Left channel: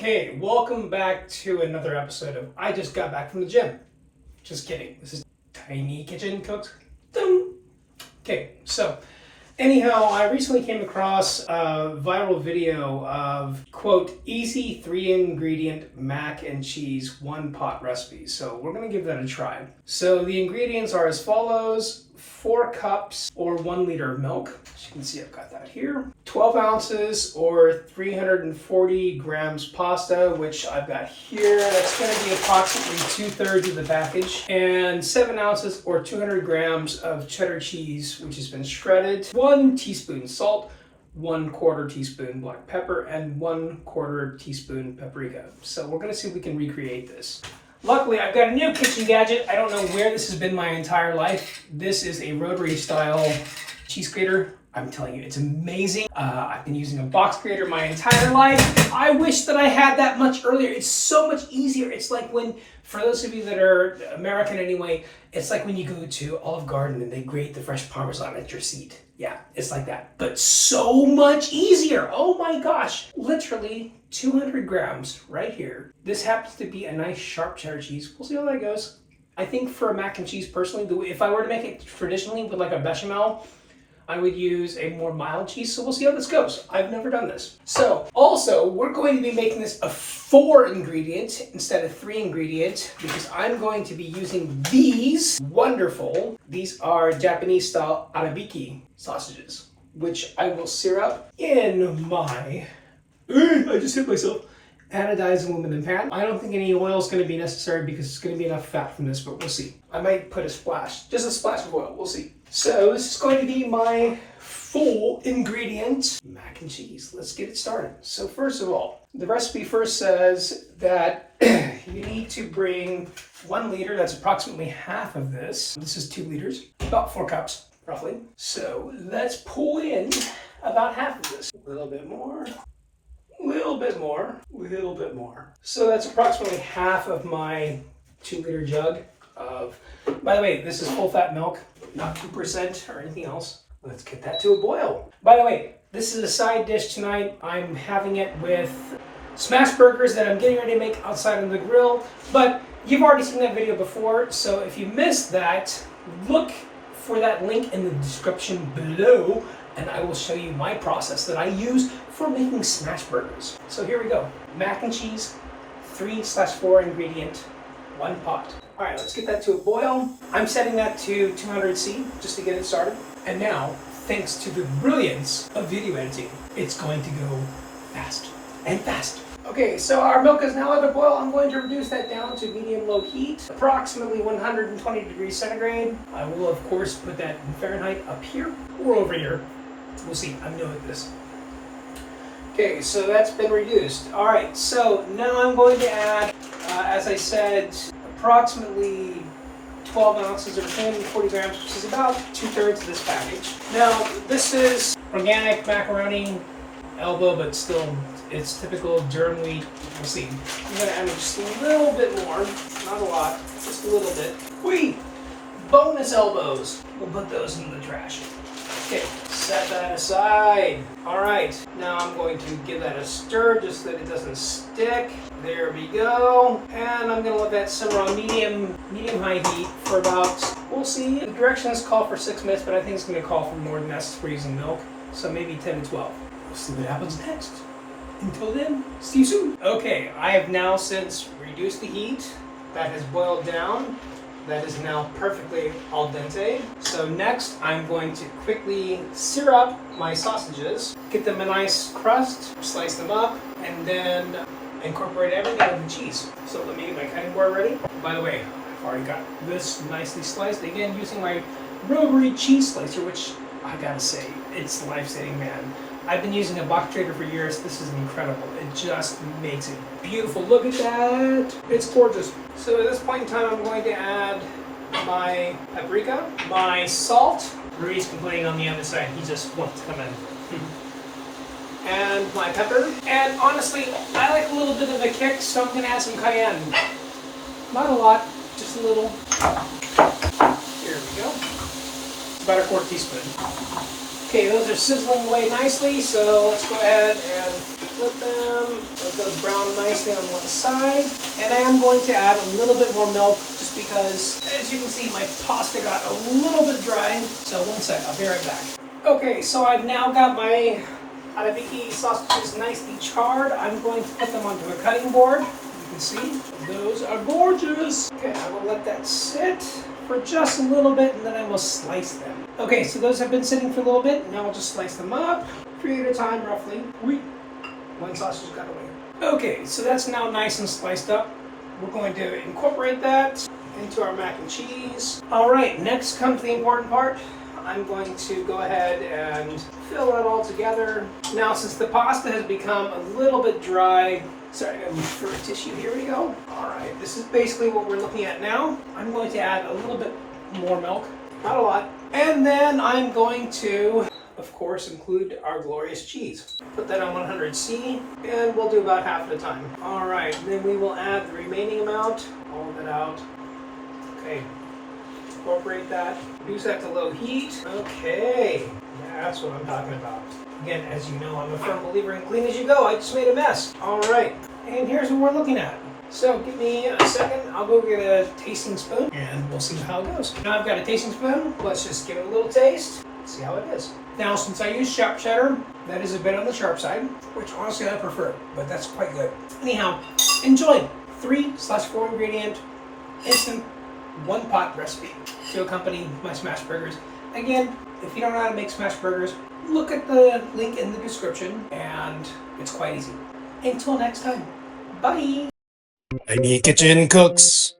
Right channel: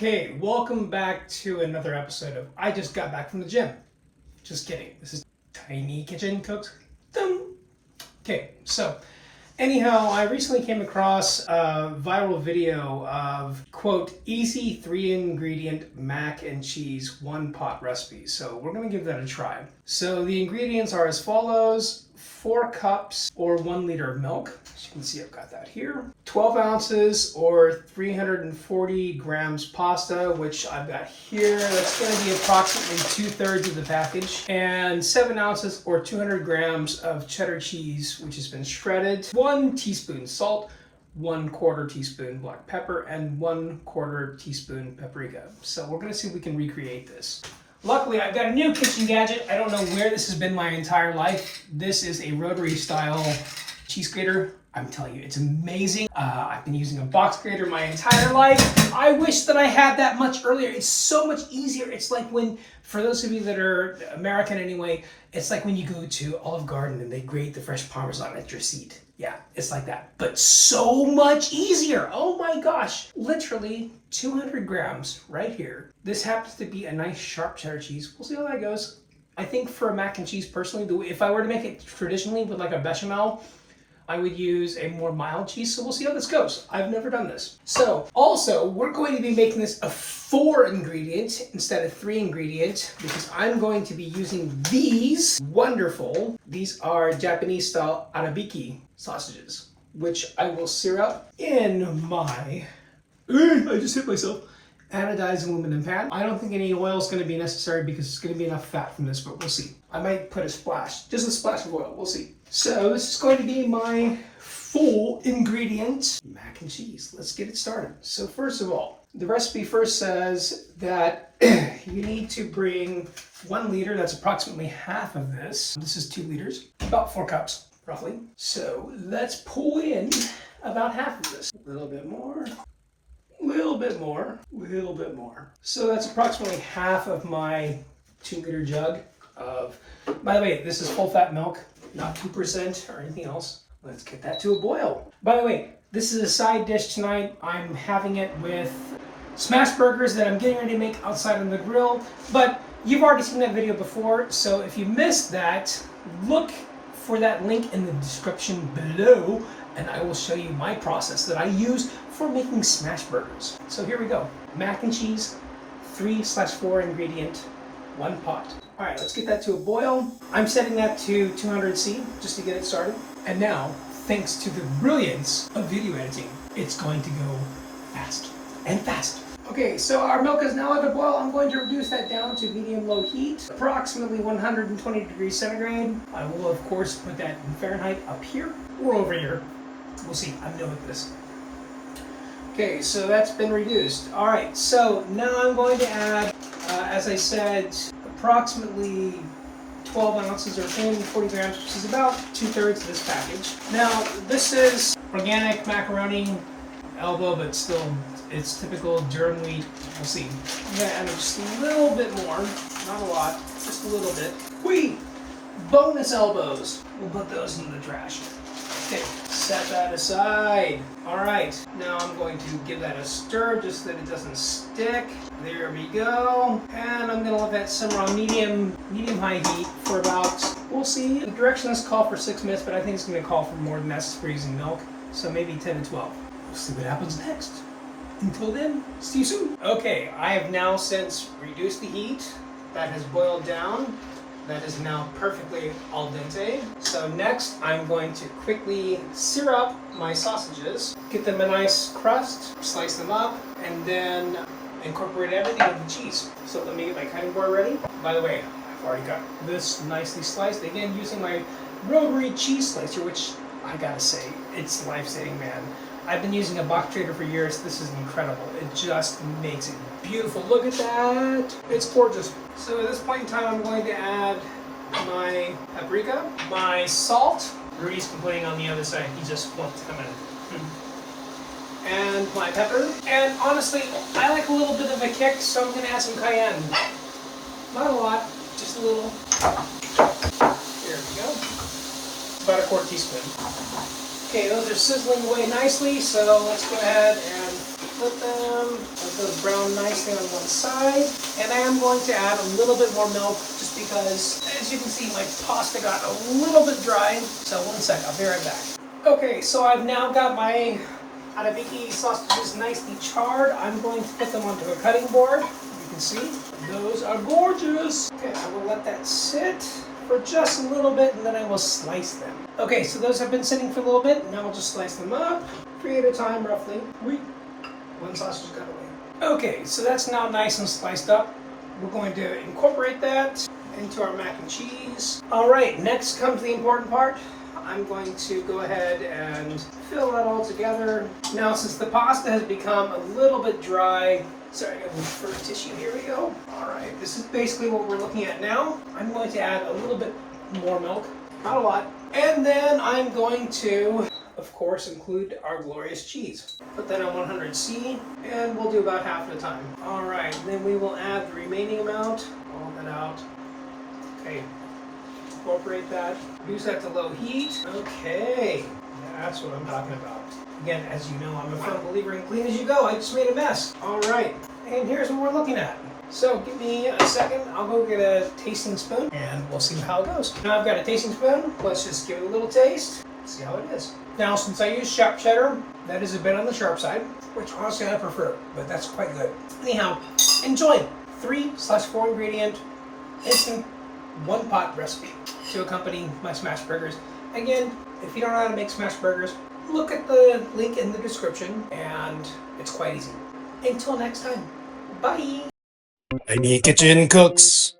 Okay, welcome back to another episode of I Just Got Back from the Gym. Just kidding. This is Tiny Kitchen Cooks. Okay, so anyhow, I recently came across a viral video of, quote, easy 3-ingredient mac and cheese one-pot recipe. So we're going to give that a try. So the ingredients are as follows: 4 cups or 1 liter of milk. As you can see, I've got that here. 12 ounces or 340 grams pasta, which I've got here. That's going to be approximately 2/3 of the package. And 7 ounces or 200 grams of cheddar cheese, which has been shredded. 1 teaspoon salt, 1/4 teaspoon black pepper, and 1/4 teaspoon paprika. So we're going to see if we can recreate this. Luckily, I've got a new kitchen gadget. I don't know where this has been my entire life. This is a rotary style cheese grater. I'm telling you, it's amazing. I've been using a box grater my entire life. I wish that I had that much earlier. It's so much easier. It's like when, for those of you that are American anyway, it's like when you go to Olive Garden and they grate the fresh Parmesan at your seat. Yeah, it's like that, but so much easier. Oh my gosh, literally 200 grams right here. This happens to be a nice sharp cheddar cheese. We'll see how that goes. I think for a mac and cheese personally, if I were to make it traditionally with like a bechamel, I would use a more mild cheese, so we'll see how this goes. I've never done this. So, also, we're going to be making this a 4-ingredient instead of 3-ingredient because I'm going to be using these wonderful, these are Japanese-style arabiki sausages, which I will sear up in my, I just hit myself, anodized aluminum pan. I don't think any oil is going to be necessary because it's going to be enough fat from this, but we'll see. I might put a splash, just a splash of oil, we'll see. So this is going to be my full ingredient mac and cheese. Let's get it started. So first of all, the recipe first says that you need to bring 1 liter, that's approximately half of this. This is 2 liters, about 4 cups roughly. So let's pull in about half of this. A little bit more. Little bit more, little bit more. So that's approximately half of my 2-liter jug of, by the way, this is full fat milk, not 2% or anything else. Let's get that to a boil. By the way, this is a side dish tonight. I'm having it with smash burgers that I'm getting ready to make outside on the grill, but you've already seen that video before, so if you missed that, look for that link in the description below, and I will show you my process that I use for making smash burgers. So here we go. Mac and cheese, 3/4 ingredient, 1 pot. All right, let's get that to a boil. I'm setting that to 200°C just to get it started. And now, thanks to the brilliance of video editing, it's going to go fast and fast. Okay, so our milk is now at a boil. I'm going to reduce that down to medium-low heat, approximately 120 degrees centigrade. I will, of course, put that in Fahrenheit up here or over here. We'll see. I'm new at this. Okay, so that's been reduced. All right, so now I'm going to add, as I said, approximately 12 ounces or 340 grams, which is about 2/3 of this package. Now, this is organic macaroni, elbow, but still, it's typical germ wheat. We'll see. I'm going to add just a little bit more, not a lot, just a little bit. Wheat, bonus elbows. We'll put those in the trash. Okay, set that aside. All right, now I'm going to give that a stir just so that it doesn't stick. There we go. And I'm gonna let that simmer on medium-high heat for about, we'll see. The directions call for 6 minutes, but I think it's gonna call for more than that since we're using milk. So maybe 10 to 12. We'll see what happens next. Until then, see you soon. Okay, I have now since reduced the heat. That has boiled down. That is now perfectly al dente. So next, I'm going to quickly sear up my sausages, get them a nice crust, slice them up, and then incorporate everything with the cheese. So let me get my cutting board ready. By the way, I've already got this nicely sliced, again using my rotary cheese slicer, which I gotta say, it's life-saving, man. I've been using a box grater for years. This is incredible. It just makes it beautiful. Look at that. It's gorgeous. So at this point in time, I'm going to add my paprika, my salt. Rui's complaining on the other side. He just wants to come in. And my pepper. And honestly, I like a little bit of a kick, so I'm going to add some cayenne. Not a lot, just a little. Here we go. About 1/4 teaspoon. Okay, those are sizzling away nicely, so let's go ahead and Let those brown nicely on one side. And I am going to add a little bit more milk just because, as you can see, my pasta got a little bit dry. So one sec, I'll be right back. Okay, so I've now got my arabiki sausages nicely charred. I'm going to put them onto a cutting board. You can see, those are gorgeous. Okay, I will let that sit for just a little bit and then I will slice them. Okay, so those have been sitting for a little bit. Now I'll just slice them up, 3 at a time roughly. One sausage got away. Okay, so that's now nice and sliced up. We're going to incorporate that into our mac and cheese. All right, next comes the important part. I'm going to go ahead and fill that all together. Now, since the pasta has become a little bit dry, sorry, I'm going to look for a tissue. Here we go. All right, this is basically what we're looking at now. I'm going to add a little bit more milk, not a lot. And then I'm going to, of course, include our glorious cheese. Put that on 100C, and we'll do about half at a time. All right, then we will add the remaining amount, all of it out. Okay. Incorporate that, reduce that to low heat. Okay, that's what I'm talking about. Again, as you know, I'm a firm believer in clean as you go. I just made a mess. All right, and here's what we're looking at. So give me a second, I'll go get a tasting spoon and we'll see how it goes. Now I've got a tasting spoon, let's just give it a little taste, see how it is. Now since I use sharp cheddar, that is a bit on the sharp side, which honestly I prefer, but that's quite good. Anyhow, enjoy 3/4 ingredient instant one pot recipe to accompany my smash burgers. Again, if you don't know how to make smash burgers, look at the link in the description and it's quite easy. Until next time, bye! Tiny Kitchen Cooks.